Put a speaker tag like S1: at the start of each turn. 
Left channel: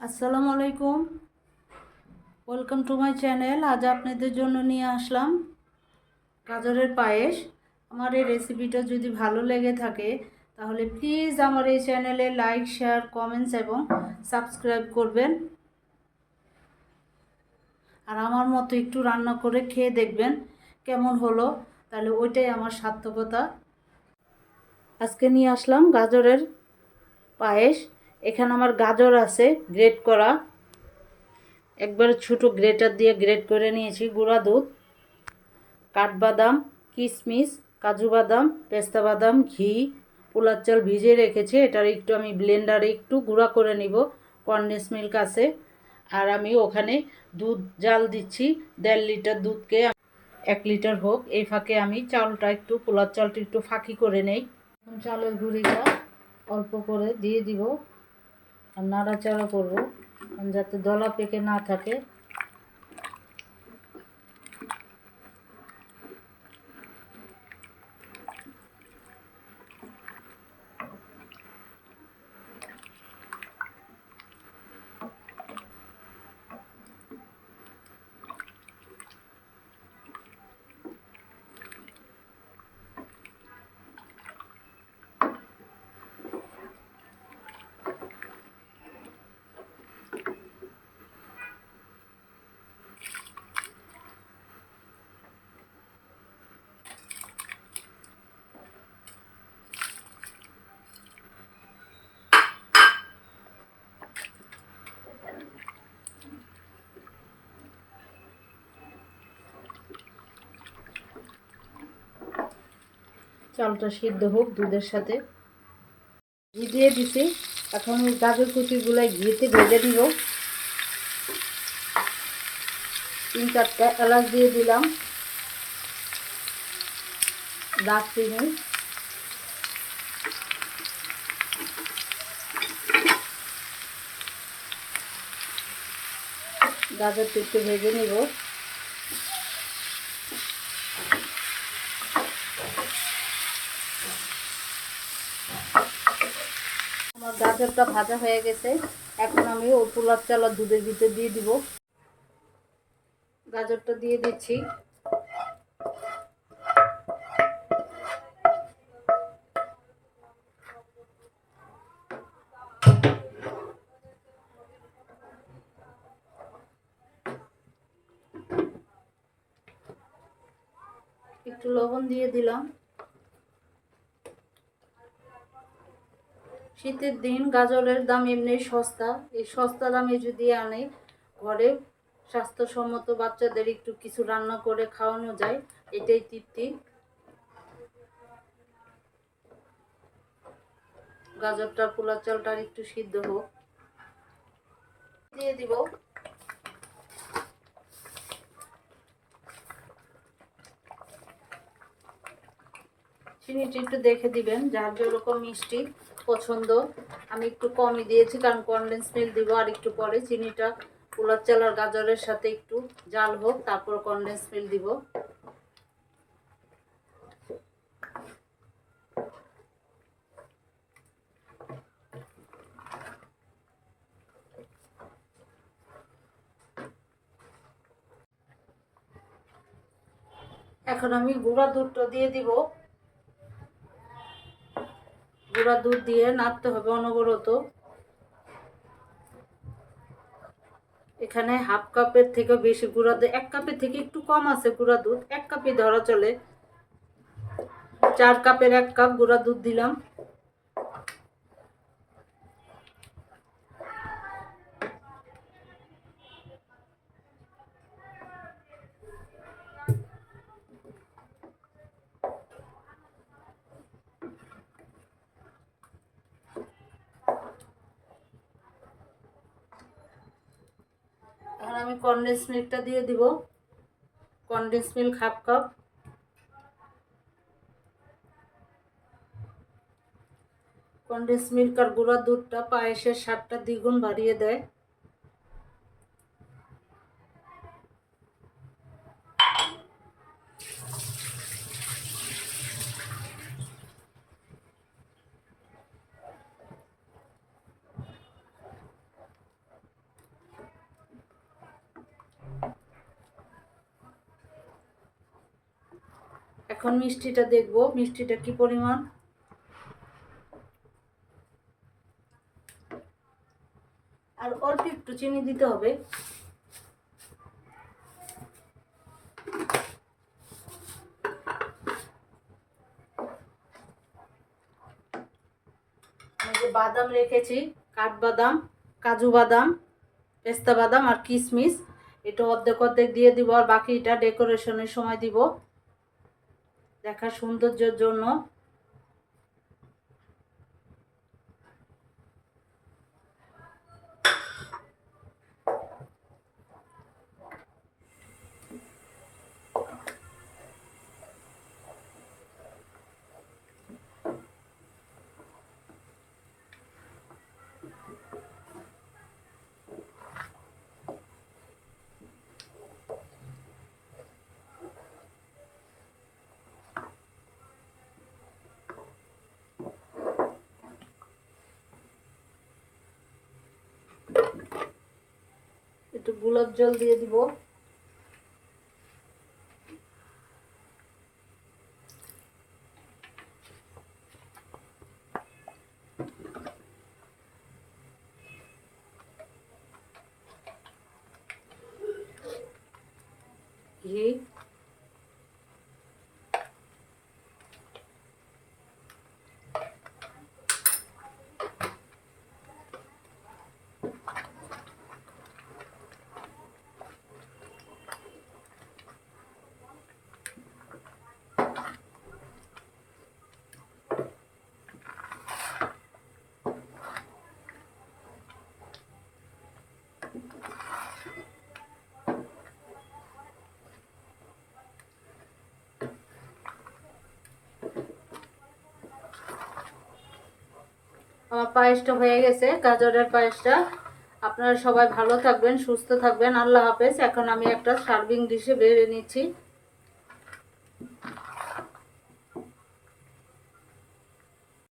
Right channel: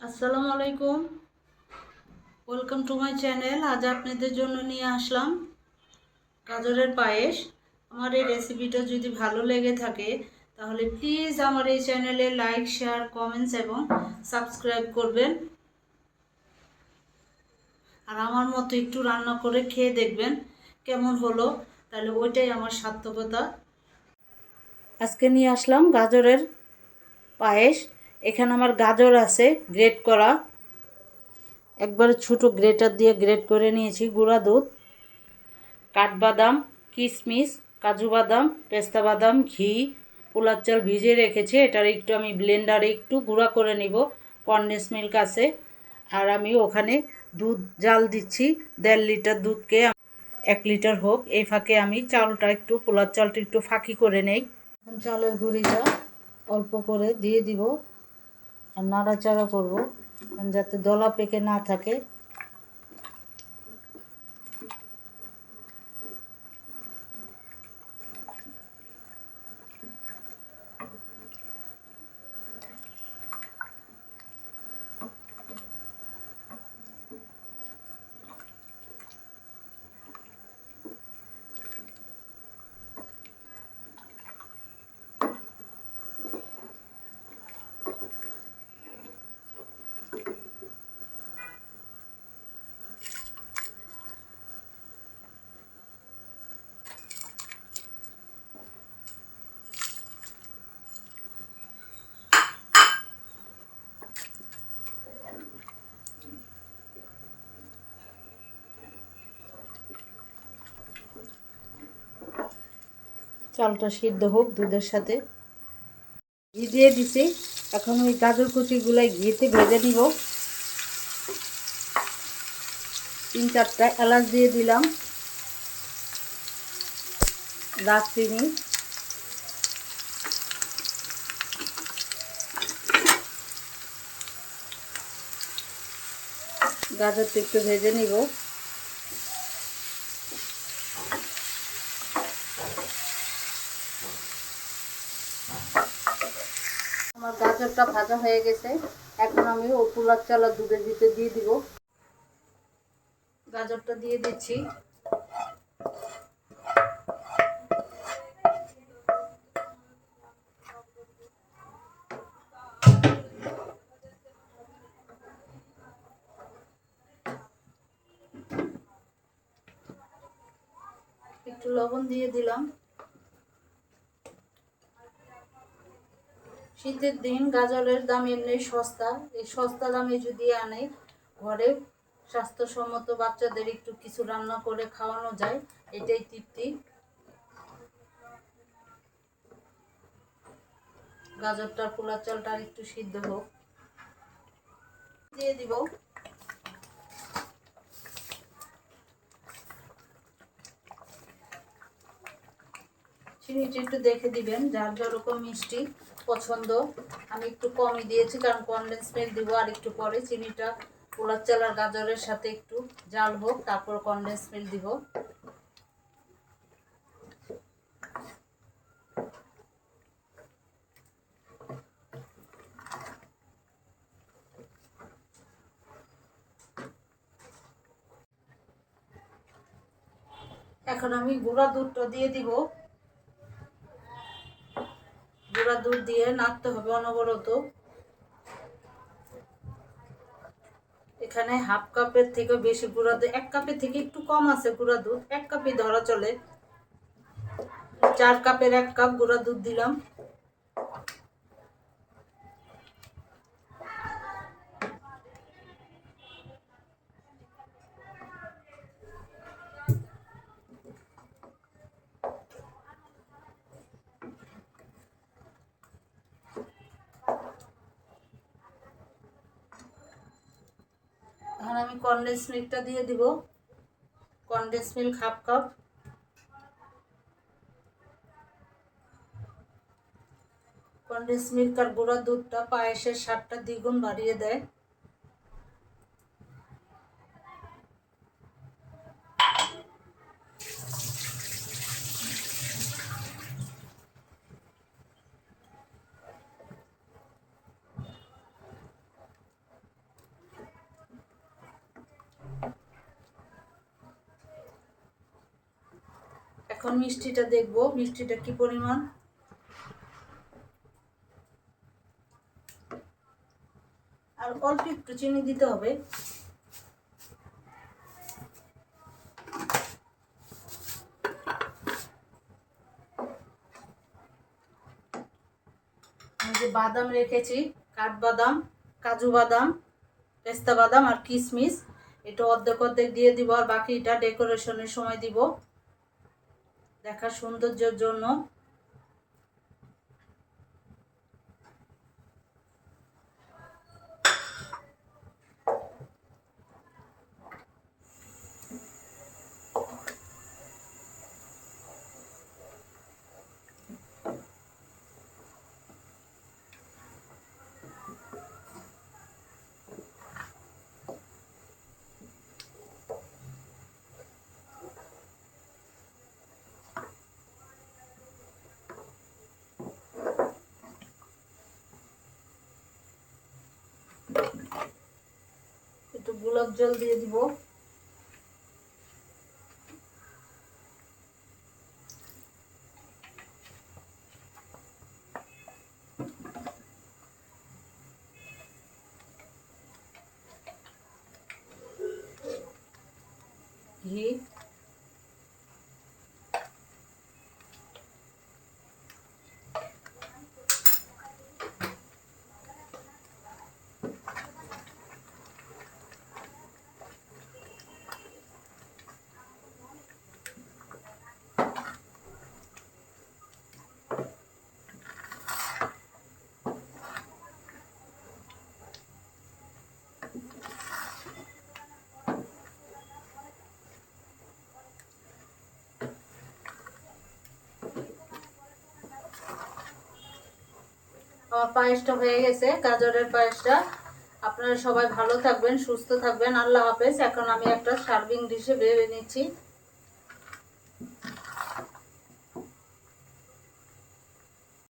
S1: আসসালামু আলাইকুম। Welcome to my channel আজ আপনাদের জন্য নিয়ে আসলাম গাজরের পায়েস। আমার এই রেসিপিটা যদি ভালো লেগে থাকে, তাহলে প্লিজ আমার এই চ্যানেলে লাইক শেয়ার কমেন্টস এবং সাবস্ক্রাইব করবেন। আর আমার মতো একটু রান্না করে খেয়ে দেখবেন কেমন হলো, তাহলে ওইটাই আমার সার্থকতা। আজকে নিয়ে আসলাম গাজরের পায়েস। এখানে আমার গাজর আছে গ্রেট করা। একবারে ছোটো গ্রেটার দিয়ে গ্রেট করে নিয়েছি, গুঁড়া দুধ, কাঠবাদাম কিশমিশ কাজু বাদাম, পেস্তা বাদাম, ঘি, পোলার চাল ভিজিয়ে রেখেছি। এটার একটু আমি ব্লেন্ডারে একটু গুঁড়া করে নিব কন্ডেন্স মিল্ক আছে। আর আমি ওখানে দুধ, জাল দিচ্ছি, দেড় লিটার দুধকে। এক লিটার হোক, এই ফাঁকে আমি চালটা একটু, পোলার চালটা একটু ফাঁকি করে নেই। চালের গুঁড়িটা অল্প করে দিয়ে দিব। আর নাড়াচাড়া করব যাতে দলা পেকে না থাকে। চালটা সিদ্ধ হোক দুধের সাথে। ঘি দিয়ে দিছি। এখন ওই গাজর কুচিগুলাই ঘিতে ভেজে দিব তিন চারটা এলাচ দিয়ে দিলাম। দারচিনি। গাজরটা একটু ভেজে নিব আমার গাজরটা ভাজা হয়ে গেছে। এখন আমি ও পোলার চালা দুধের ভিতরে দিয়ে দিব। গাজরটা দিয়ে দিচ্ছি। একটু লবণ দিয়ে দিলাম। শীতের দিন গাজরের দাম এমনি সস্তা। এই সস্তা দামে যদি আনে, ঘরে স্বাস্থ্যসম্মত বাচ্চাদের একটু কিছু রান্না করে খাওয়ানো যায়, এটাই তৃপ্তি। গাজরটার পোলার চালটা একটু সিদ্ধ হোক। দিয়ে দিব। চিনিটা একটু দেখে দিবেন, যার যেরকম মিষ্টি। পছন্দ। আমি একটু কমই দিয়েছি, কারণ কনডেন্স মিল্ক দিব আর একটু পরে চিনিটা। পোলার চাল আর গাজরের সাথে একটু জাল হোক, তারপর কনডেন্স মিল্ক দিব। এখন আমি গুঁড়া দুধটা দিয়ে দিব। গুঁড়া দুধ দিয়ে নাড়তে হবে অনবরত। এখানে হাফ কাপের থেকে বেশি গুঁড়া দুধ এক কাপের থেকে একটু কম আছে গুঁড়া দুধ, এক কাপই ধরা চলে। চার কাপের এক কাপ গুঁড়া দুধ দিলাম এখন আমি কনডেন্স মিল্কটা দিয়ে দিব। Condense milk half cup. Condense milk আর গুঁড়া দুধটা পায়েসের স্বাদটা দ্বিগুণ বাড়িয়ে দেয়। এখন মিষ্টিটা দেখব, মিষ্টিটা কি পরিমাণ? আর অল্প একটু চিনি দিতে হবে। বাদাম রেখেছি, কাঠবাদাম, কাজু বাদাম, পেস্তা বাদাম আর কিশমিশ এটা অর্ধেক অর্ধেক দিয়ে দিব আর বাকিটা ডেকোরেশনের সময় দিব। দেখার সৌন্দর্যের জন্য একটু গোলাপ জল দিয়ে দিব। ঘি। আমার পায়েসটা হয়ে গেছে, গাজরের পায়েসটা। আপনারা সবাই ভালো থাকবেন, সুস্থ থাকবেন। আল্লাহ হাফেজ। এখন আমি একটা সার্ভিং ডিশে বেড়ে নিচ্ছি।